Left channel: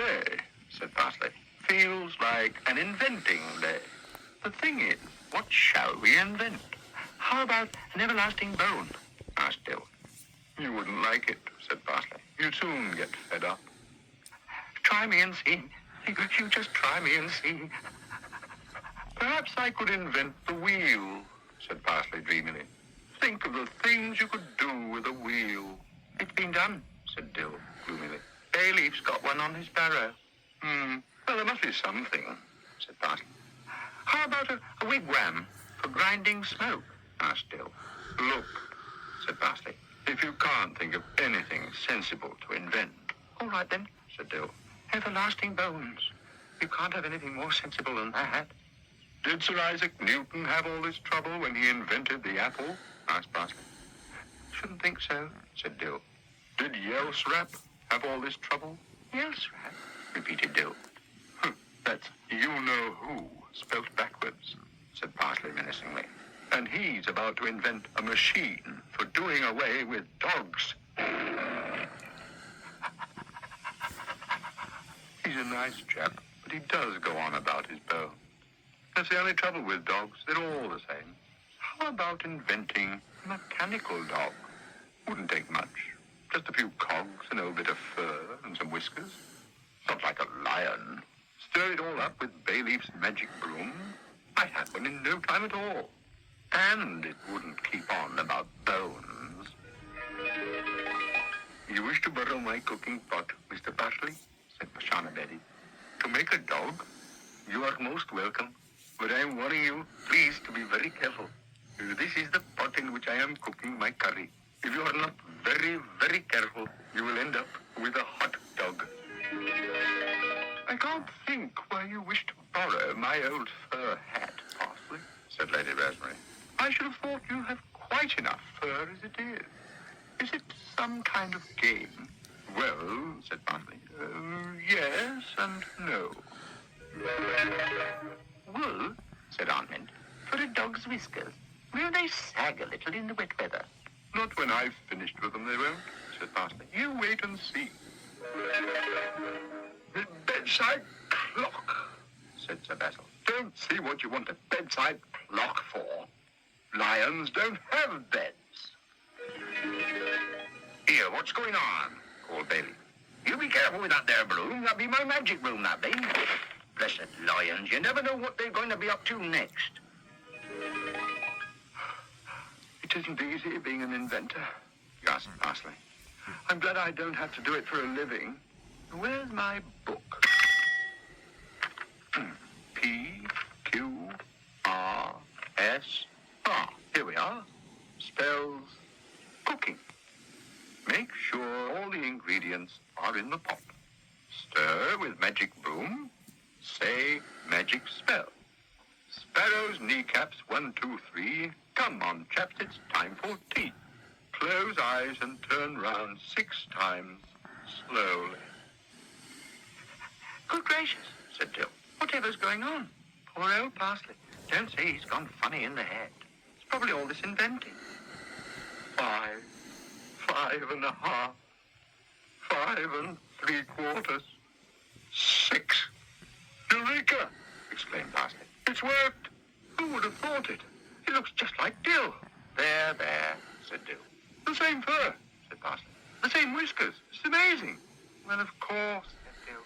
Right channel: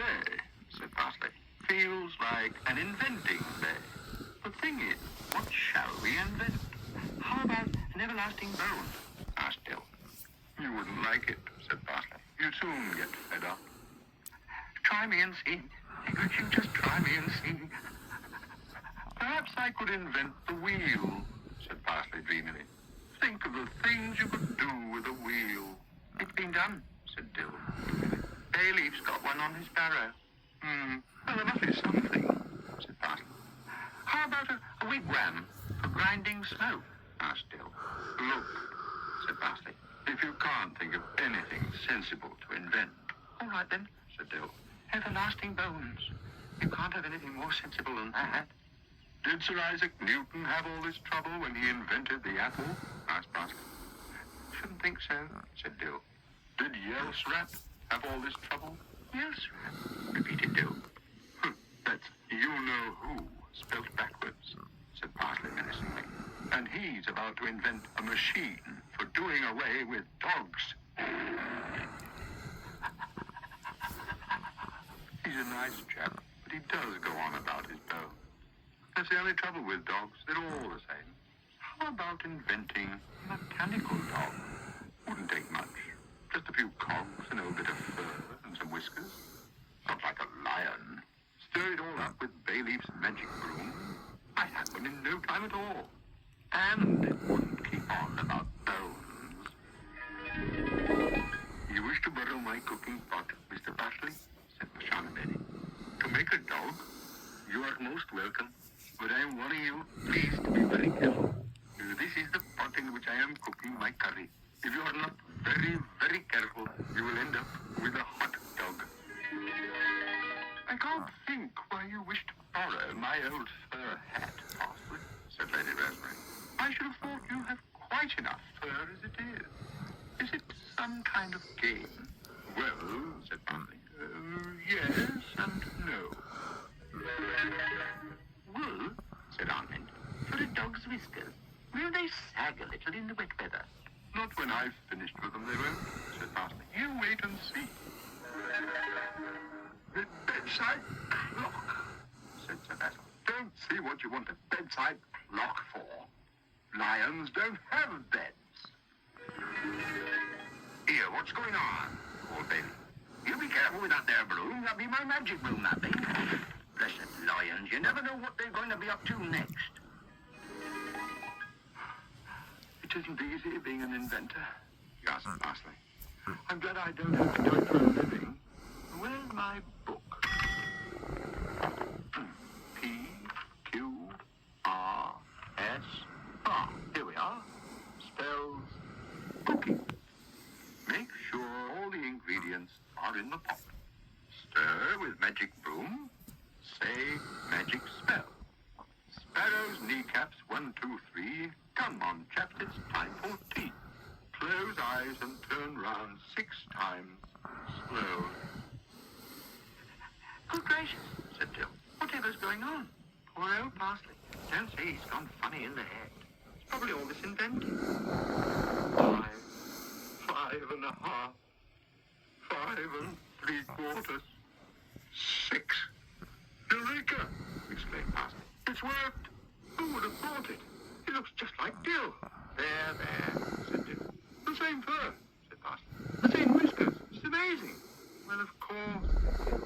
Today, said Parsley, feels like an inventing day. The thing is, what shall we invent? How about an everlasting bone? Asked Dill. You wouldn't like it, said Parsley. You'd soon get fed up. Try me and see. Could you just try me and see? Perhaps I could invent the wheel, said Parsley dreamily. Think of the things you could do with a wheel. It's been done, said Dill gloomily. Bayleaf's got one on his barrow. Well, there must be something, said Parsley. How about a wigwam for grinding snow? Asked Dill. Look, said Parsley, if you can't think of anything sensible to invent. All right then, said Dill. Everlasting bones. You can't have anything more sensible than that. Did Sir Isaac Newton have all this trouble when he invented the apple? Asked Parsley. Shouldn't think so, said Dill. Did Yelsrap have all this trouble? Yelsrap, repeated Dill. That's you-know-who, spelt backwards, said Parsley menacingly. And he's about to invent a machine for doing away with dogs. He's a nice chap, but he does go on about his bone. That's the only trouble with dogs. They're all the same. How about inventing a mechanical dog? Wouldn't take much. Just a few cogs, an old bit of fur, and some whiskers. Not like a lion. Stir it all up with Bayleaf's magic broom. I'd have one in no time at all. And it wouldn't keep on about bones. You wish to borrow my cooking pot, Mr. Parsley? Said Pashana Benny. To make a dog? You are most welcome. But I am warning you, please, to be very careful. This is the pot in which I am cooking my curry. If you are not very, very careful, you will end up with a hot dog. I can't think why you wish to borrow my old fur hat, Parsley, said Lady Rosemary. I should have thought you have quite enough fur as it is. Is it some kind of game? Well, said Parsley, yes and no. Wool, said Aunt Mint, for a dog's whiskers. Will they sag a little in the wet weather? Not when I've finished with them, they won't, said Parsley. You wait and see. The bedside clock, said Sir Basil. Don't see what you want a bedside clock for. Lions don't have beds. Here, what's going on? Called Bailey. You be careful with that there broom. That'll be my magic broom, that be. Blessed lions, you never know what they're going to be up to next. It isn't easy being an inventor, gasped Parsley. I'm glad I don't have to do it for a living. Where's my book? P, Q, R, S. Here we are. Spells cooking. Make sure all the ingredients are in the pot. Stir with magic broom. Say magic spell. Sparrow's kneecaps, 1, 2, 3. Come on, chaps, it's time for tea. Close eyes and turn round 6 times, slowly. Good gracious, said Dill. Whatever's going on? Poor old Parsley. Don't say he's gone funny in the head. It's probably all this inventing. 5, 5 and a half, 5 3/4, 6. Eureka! Exclaimed Parsley. It's worked! Who would have thought it? He looks just like Dill. There, said Dill. The same fur, said Parsley. The same whiskers. It's amazing. Well, of course, said Dill.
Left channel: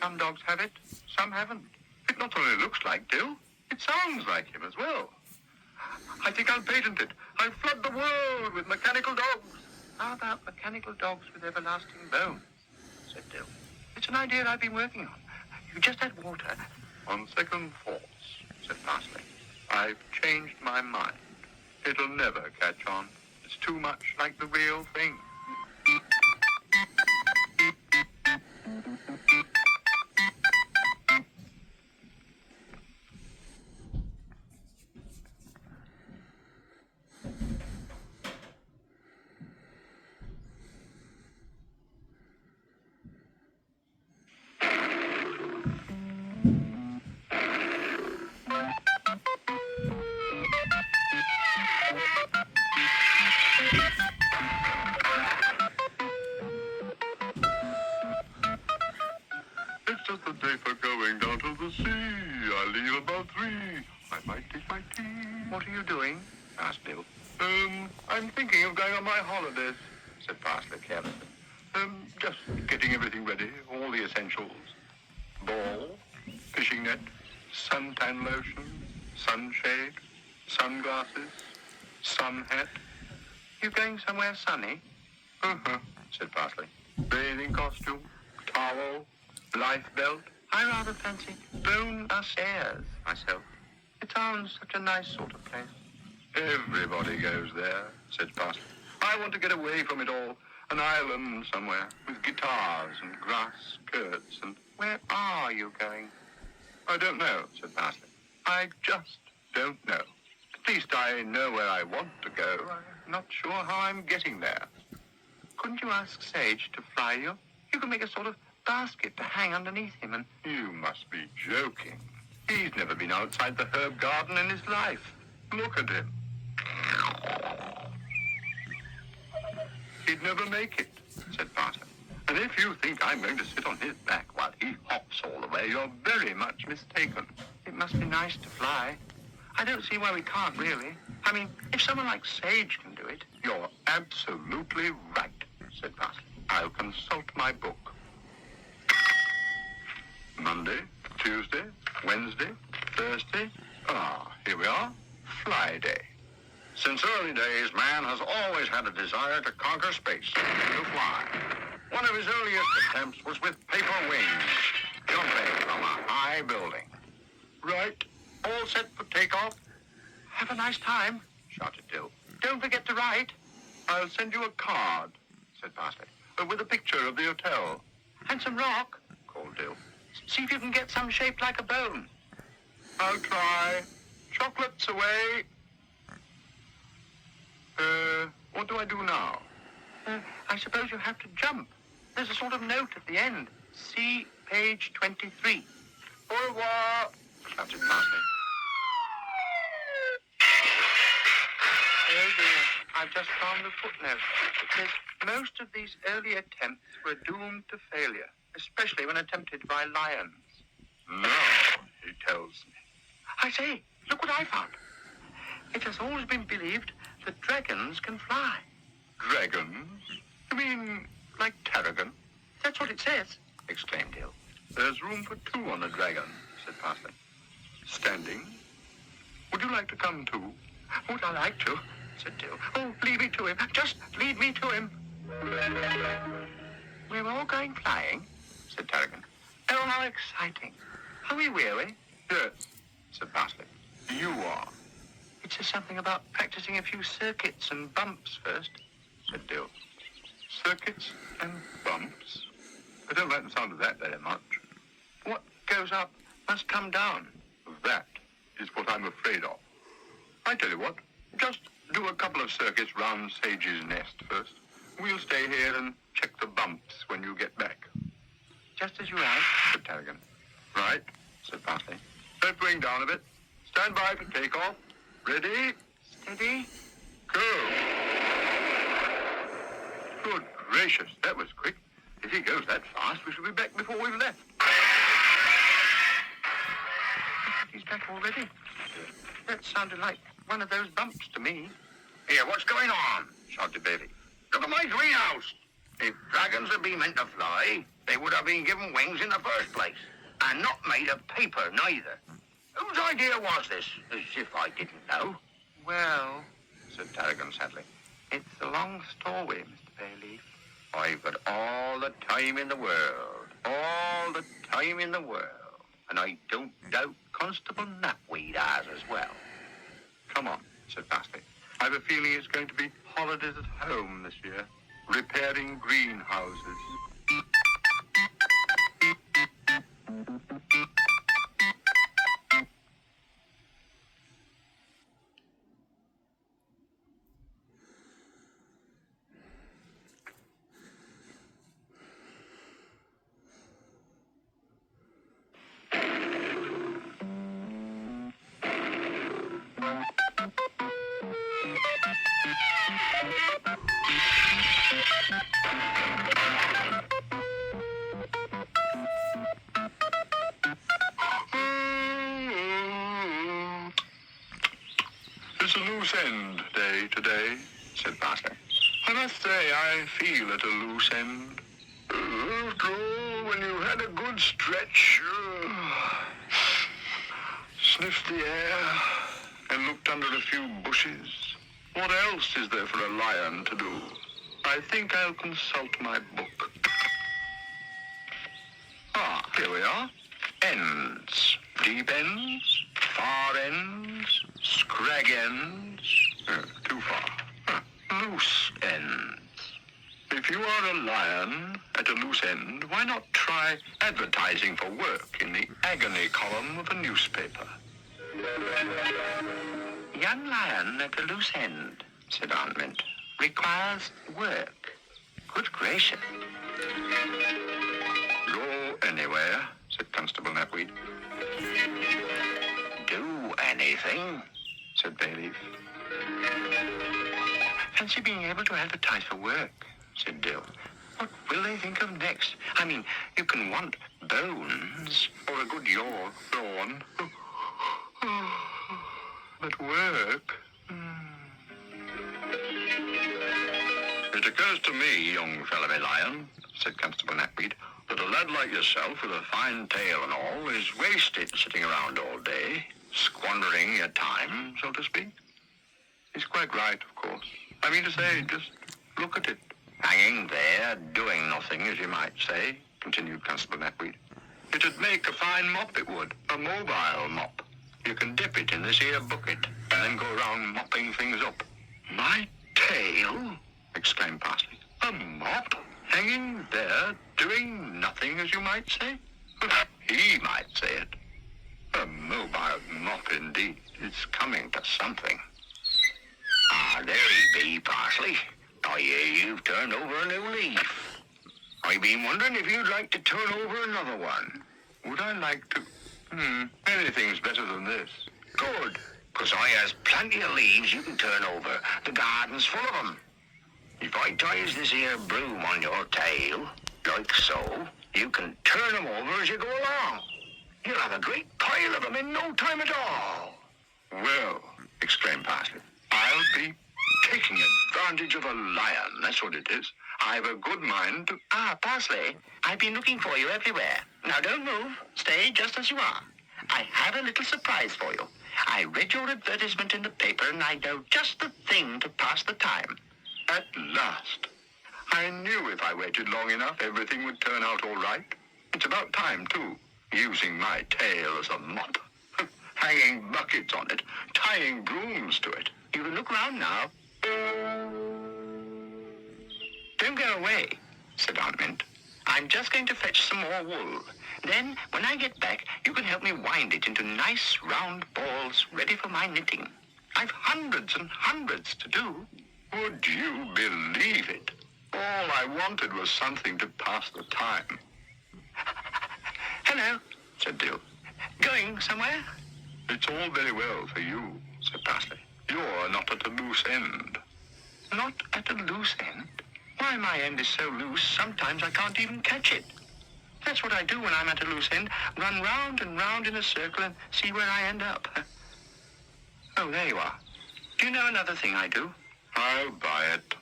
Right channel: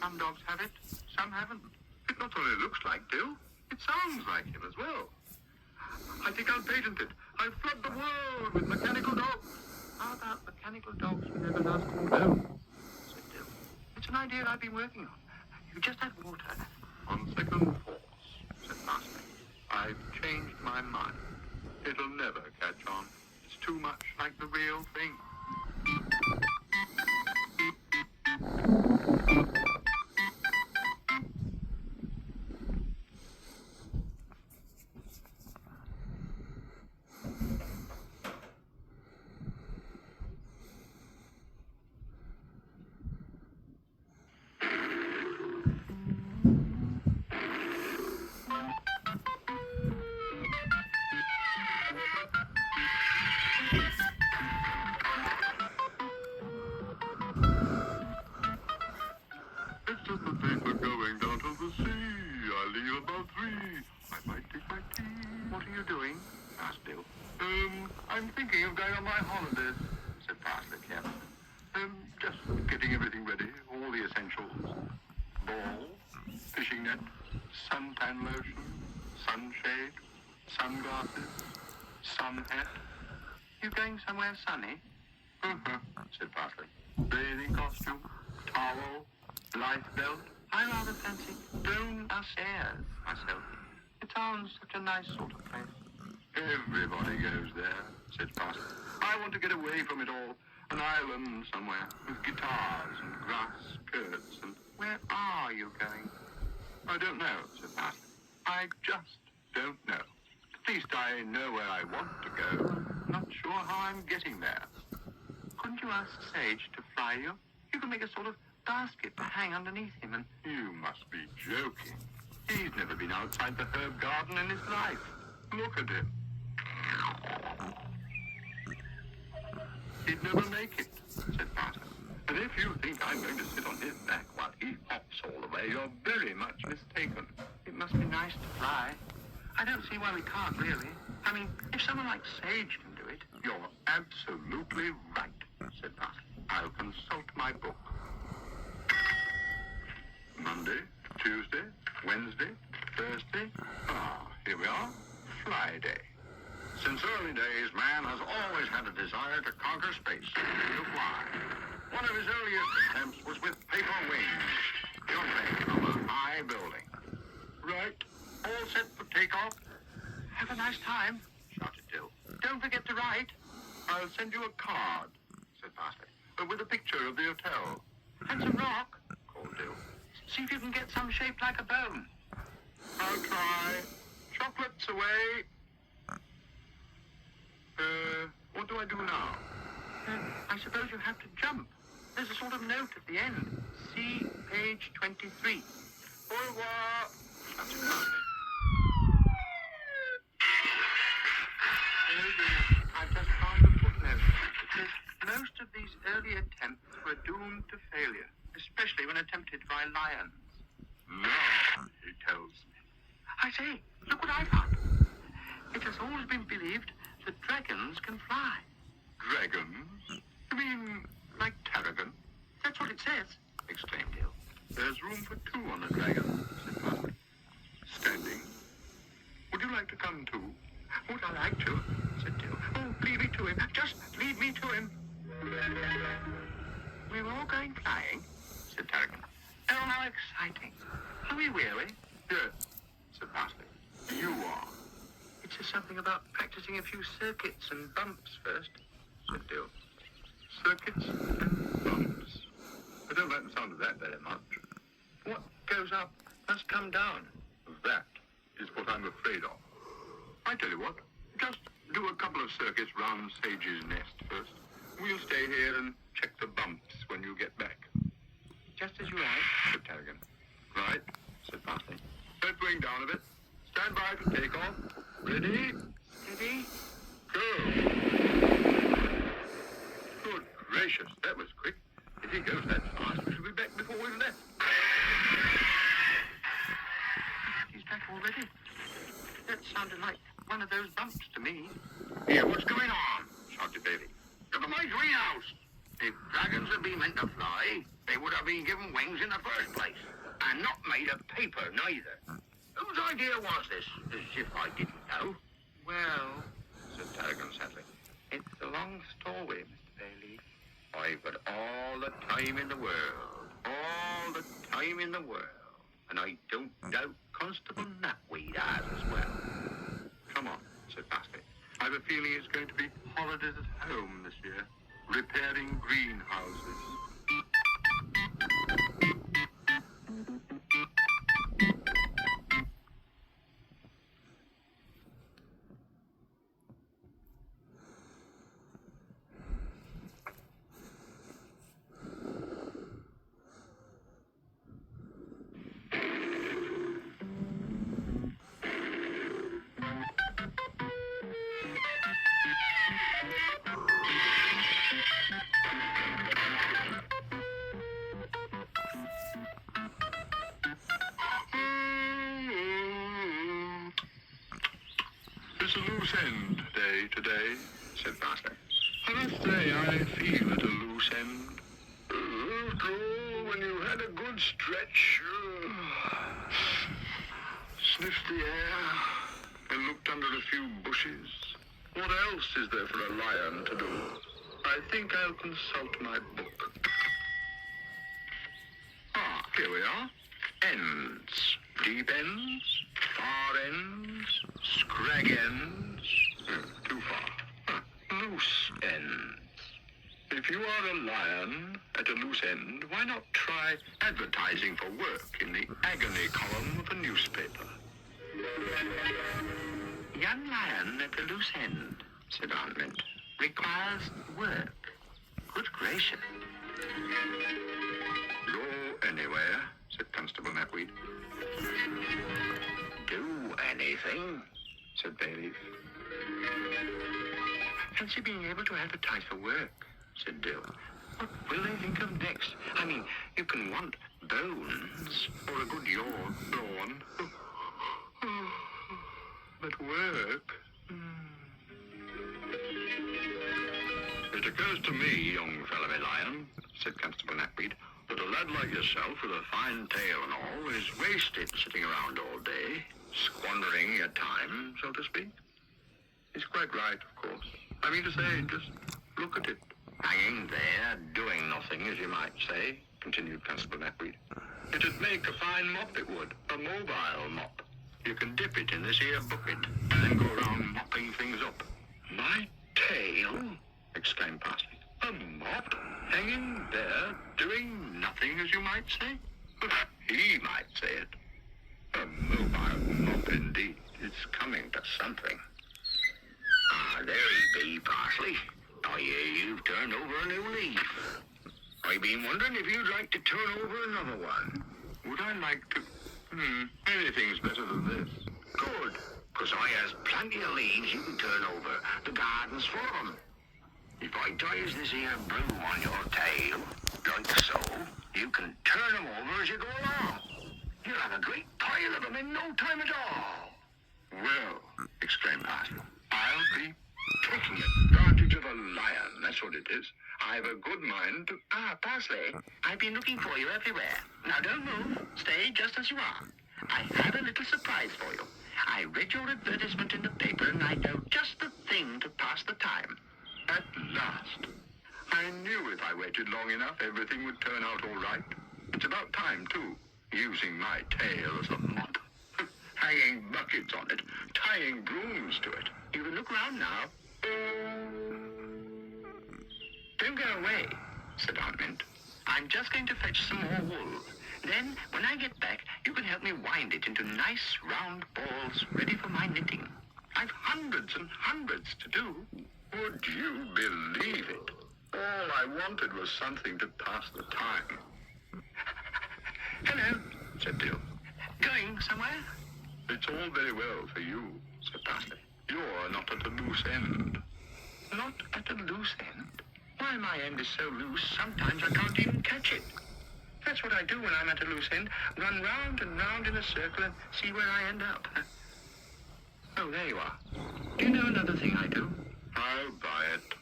Some dogs have it, some haven't. It not only looks like Dill, it sounds like him as well. I think I'll patent it. I'll flood the world with mechanical dogs. How about mechanical dogs with everlasting bones? Said Dill. It's an idea I've been working on. You just add water. On second thoughts, said Parsley. I've changed my mind. It'll never catch on. It's too much like the real thing. I'm thinking of going on my holidays, said Parsley carelessly. Just getting everything ready, all the essentials. Ball, fishing net, suntan lotion, sunshade, sunglasses, sun hat. You going somewhere sunny? Said Parsley. Bathing costume, towel, life belt. I rather fancy Bone Airs myself. It sounds such a nice sort of place. Everybody goes there, said Parsley. I want to get away from it all. An island somewhere with guitars and grass skirts and... Where are you going? I don't know, said Parsley. I just don't know. At least I know where I want to go. I'm not sure how I'm getting there. Couldn't you ask Sage to fly you? You can make a sort of basket to hang underneath him and... You must be joking. He's never been outside the herb garden in his life. Look at him. He'd never make it, said Parsley. And if you think I'm going to sit on his back while he hops all the way, you're very much mistaken. It must be nice to fly. I don't see why we can't, really. I mean, if someone like Sage can do it... You're absolutely right, said Parsley. I'll consult my book. Monday, Tuesday, Wednesday, Thursday. Here we are. Fly Day. Since early days, man has always had a desire to conquer space, to fly. One of his earliest attempts was with paper wings, jumping from a high building. Right, all set for takeoff? Have a nice time, shouted Dill. Don't forget to write. I'll send you a card, said Parsley, with a picture of the hotel. And some rock, called Dill. See if you can get some shaped like a bone. I'll try. Chocolates away. What do I do now? I suppose you have to jump. There's a sort of note at the end. See page 23. Au revoir, shouted Parsley. Oh dear, I've just found the footnote. It says, most of these early attempts were doomed to failure, especially when attempted by lions. No, he tells me. I say, look what I found. It has always been believed that dragons can fly. Dragons? You mean like Tarragon? That's what it says, exclaimed Dill. There's room for two on a dragon, said Parsley. Standing. Would you like to come too? Would I like to, said Dill. Oh, leave me to him. Just leave me to him. We're all going flying, said Tarragon. Oh, how exciting. Are we weary? Yes, said Parsley. You are. It says something about practicing a few circuits and bumps first, said Dill. Circuits and bumps. I don't like the sound of that very much. What goes up must come down. That is what I'm afraid of. I tell you what, just do a couple of circuits round Sage's nest first. We'll stay here and check the bumps when you get back. Just as you like, said Tarragon. Right, said Parsley. Let's bring down a bit. Stand by for takeoff. Ready? Steady. Go. Good gracious, that was quick. If he goes that fast, we shall be back before we've left. He's back already. That sounded like one of those bumps to me. Here, what's going on? Shouted Davy. Look at my greenhouse. If dragons had been meant to fly, they would have been given wings in the first place. And not made of paper, neither. Whose idea was this? As if I didn't know. Well, said Tarragon sadly, it's a long story, Mr. Bayleaf. I've got all the time in the world. All the time in the world. And I don't doubt Constable Knapweed has as well. Come on, said Parsley. I've a feeling it's going to be holidays at home this year. Repairing greenhouses. It's a loose end day today, said Parsley. I must say I feel at a loose end. After all, when you had a good stretch, sniffed the air, and looked under a few bushes, what else is there for a lion to do? I think I'll consult my book. Ah, here we are. Ends. Deep ends, far ends, scrag ends. Too far. Loose ends. If you are a lion at a loose end, why not try advertising for work in the agony column of a newspaper? Young lion at a loose end, said Aunt Mint, requires work. Good gracious. Go anywhere, said Constable Knapweed. Do anything, said Bayleaf. Fancy being able to advertise for work, said Dill. What will they think of next? I mean, you can want bones or a good yawn. But work? It occurs to me, young fellow lion, said Constable Knapweed, that a lad like yourself with a fine tail and all is wasted sitting around all day, squandering your time, so to speak. He's quite right, of course. I mean to say, just look at it. Hanging there, doing nothing, as you might say, continued Constable Knapweed. It'd make a fine mop, it would. A mobile mop. You can dip it in this here bucket and then go around mopping things up. My tail? Exclaimed Parsley. A mop? Hanging there, doing nothing, as you might say? He might say it. A mobile mop, indeed. It's coming to something. Ah, there he be, Parsley. I hear you've turned over a new leaf. I've been wondering if you'd like to turn over another one. Would I like to? Anything's better than this. Good, because I has plenty of leaves you can turn over. The garden's full of 'em. If I ties this here broom on your tail, like so, you can turn 'em over as you go along. You'll have a great pile of 'em in no time at all. Well, exclaimed Parsley, I'll be taking advantage of a lion, that's what it is. I've a good mind to... Ah, Parsley, I've been looking for you everywhere. Now don't move. Stay just as you are. I have a little surprise for you. I read your advertisement in the paper and I know just the thing to pass the time. At last. I knew if I waited long enough, everything would turn out all right. It's about time, too, using my tail as a mop. Hanging buckets on it, tying brooms to it. You can look round now. Don't go away, said Aunt Mint. I'm just going to fetch some more wool. Then, when I get back, you can help me wind it into nice round balls ready for my knitting. I've hundreds and hundreds to do. Would you believe it? All I wanted was something to pass the time. Hello, said Dill. Going somewhere? It's all very well for you, said Parsley. You're not at a loose end. Not at a loose end? Why, my end is so loose, sometimes I can't even catch it. That's what I do when I'm at a loose end. Run round and round in a circle and see where I end up. Oh, there you are. Do you know another thing I do? I'll buy it.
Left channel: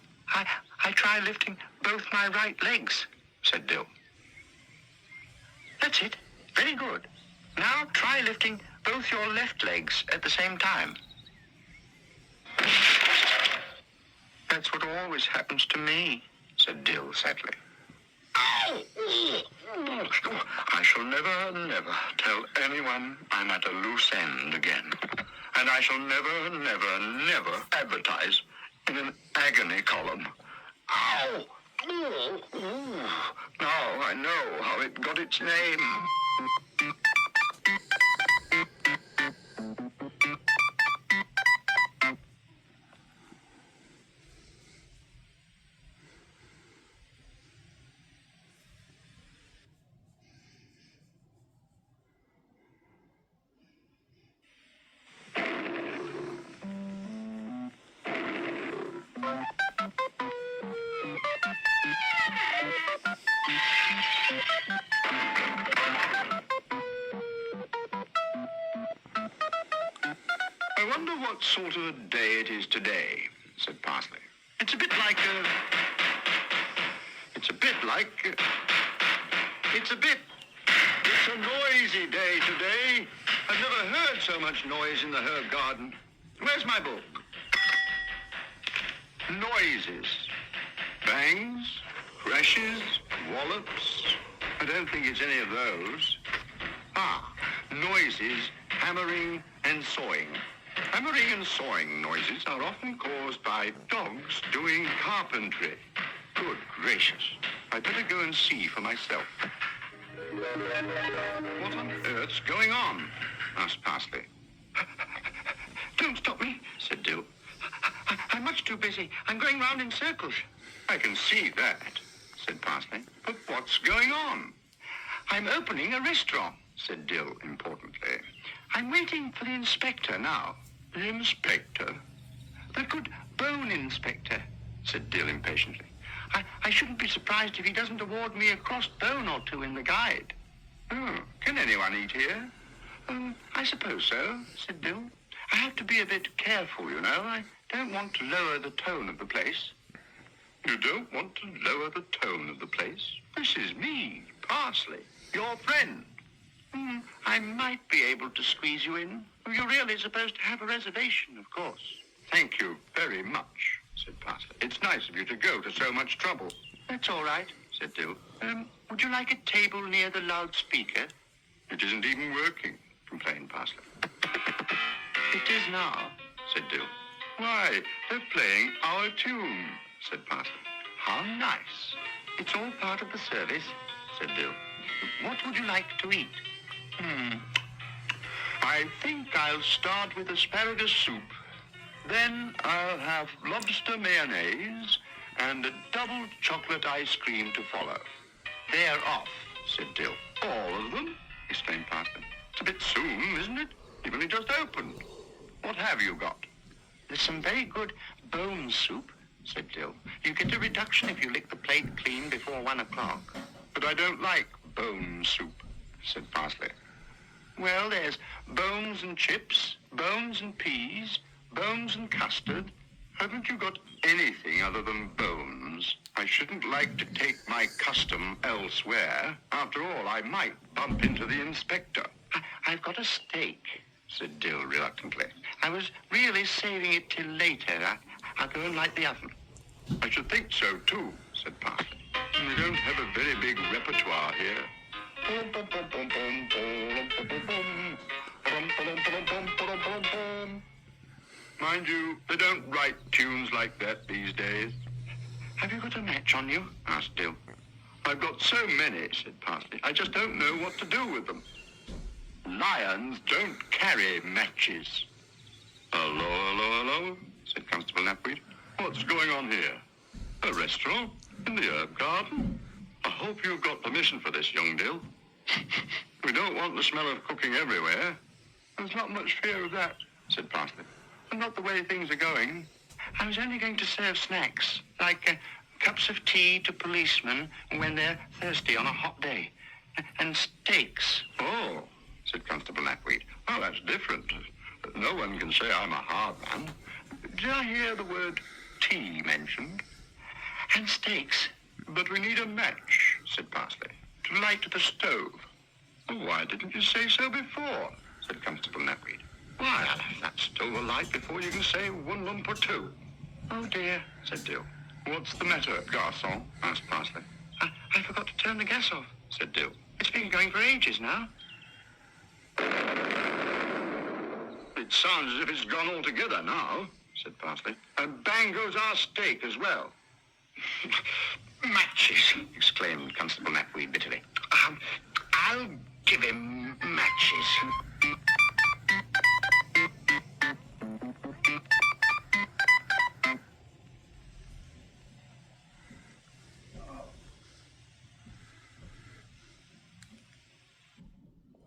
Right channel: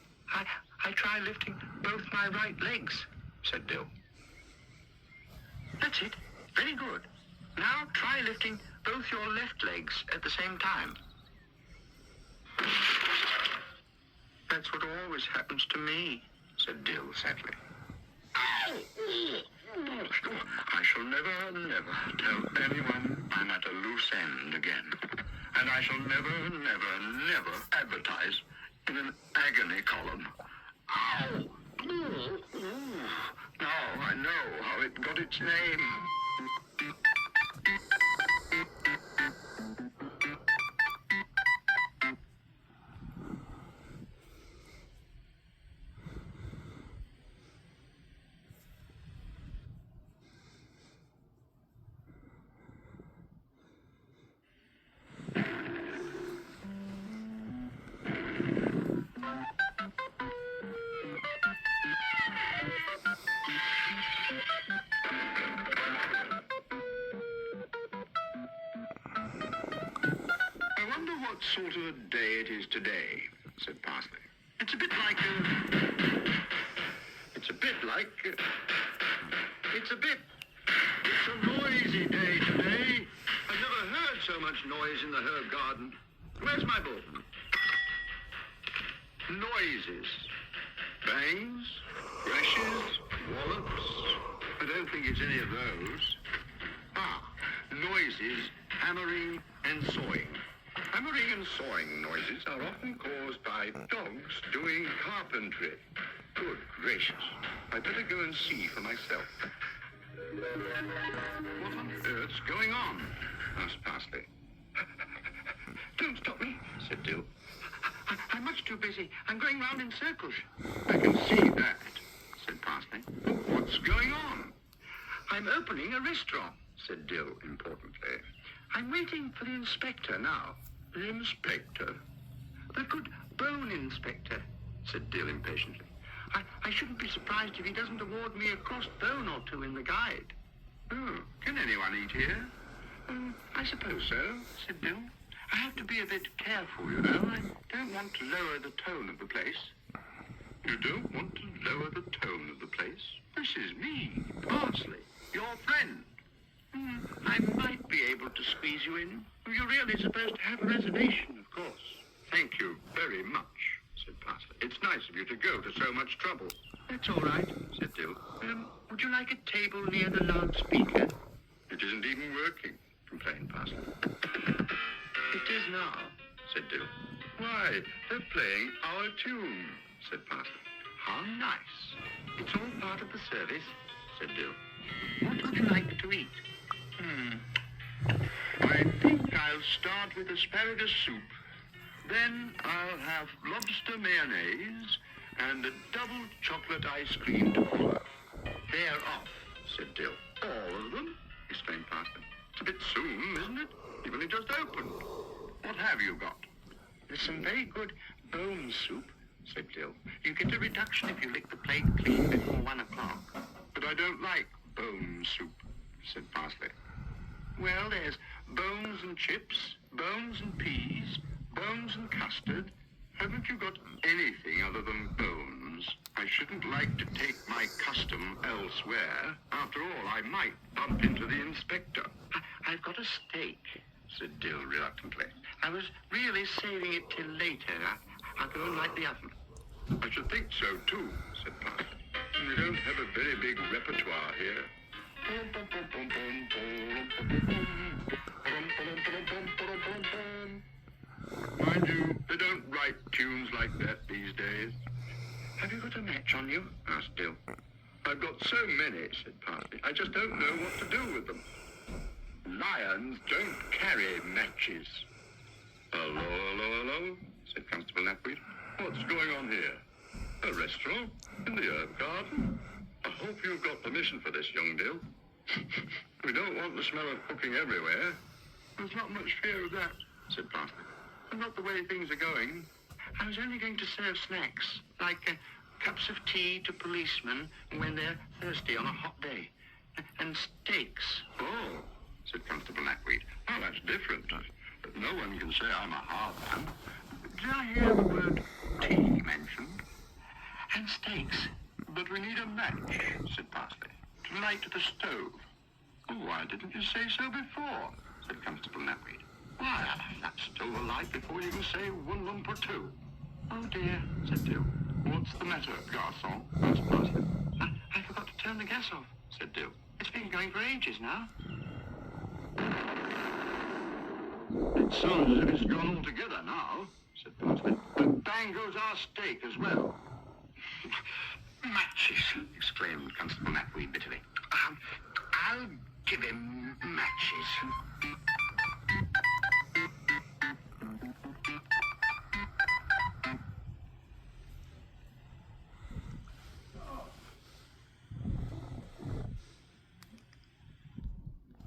I try lifting both my right legs, said Dill. That's it. Very good. Now try lifting both your left legs at the same time. That's what always happens to me, said Dill sadly. Ow! I shall never, never tell anyone I'm at a loose end again. And I shall never, never, never advertise in an agony column. Ow! Now I know how it got its name. I wonder what sort of a day it is today, said Parsley. It's a bit like It's a noisy day today. I've never heard so much noise in the herb garden. Where's my book? Noises. Bangs, crashes, wallops. I don't think it's any of those. Noises, hammering and sawing. Hammering and sawing noises are often caused by dogs doing carpentry. Good gracious. I'd better go and see for myself. What on earth's going on? Asked Parsley. Don't stop me, said Dill. I'm much too busy. I'm going round in circles. I can see that, said Parsley. But what's going on? I'm opening a restaurant, said Dill importantly. I'm waiting for the inspector now. The inspector? The good bone inspector, said Dill impatiently. I shouldn't be surprised if he doesn't award me a crossed bone or two in the guide. Can anyone eat here? I suppose so, said Dill. I have to be a bit careful, you know. I don't want to lower the tone of the place. You don't want to lower the tone of the place? This is me, Parsley, your friend. I might be able to squeeze you in. You're really supposed to have a reservation, of course. Thank you very much, said Parsley. It's nice of you to go to so much trouble. That's all right, said Dill. Would you like a table near the loudspeaker? It isn't even working, complained Parsley. It is now, said Dill. Why, they're playing our tune, said Parsley. How nice. It's all part of the service, said Dill. What would you like to eat? I think I'll start with asparagus soup. Then I'll have lobster mayonnaise and a double chocolate ice cream to follow. They're off, said Dill. All of them? Exclaimed Parsley. It's a bit soon, isn't it? You've only just opened. What have you got? There's some very good bone soup, said Dill. You get a reduction if you lick the plate clean before 1 o'clock. But I don't like bone soup, said Parsley. Well, there's bones and chips, bones and peas, bones and custard. Haven't you got anything other than bones? I shouldn't like to take my custom elsewhere. After all, I might bump into the inspector. I've got a steak, said Dill reluctantly. I was really saving it till later. I'll go and light the oven. I should think so, too, said Parsley. We don't have a very big repertoire here. Mind you, they don't write tunes like that these days. Have you got a match on you? Asked Dill. I've got so many, said Parsley. I just don't know what to do with them. Lions don't carry matches. Hello, hello, hello, said Constable Napweed. What's going on here? A restaurant? In the herb garden? I hope you've got permission for this, young Dill. We don't want the smell of cooking everywhere. There's not much fear of that, said Parsley. And not the way things are going. I was only going to serve snacks, like cups of tea to policemen when they're thirsty on a hot day. And steaks. Oh, said Constable Napweed. Oh, that's different. No one can say I'm a hard man. Did I hear the word tea mentioned? And steaks. But we need a match, said Parsley, to light the stove. Oh, why didn't you say so before? Said Constable Napweed. Why, that's still the light before you can say 1 lump or 2. Oh, dear, said Dill. What's the matter, garçon? Asked Parsley. I forgot to turn the gas off, said Dill. It's been going for ages now. It sounds as if it's gone altogether now, said Parsley. And bang goes our steak as well.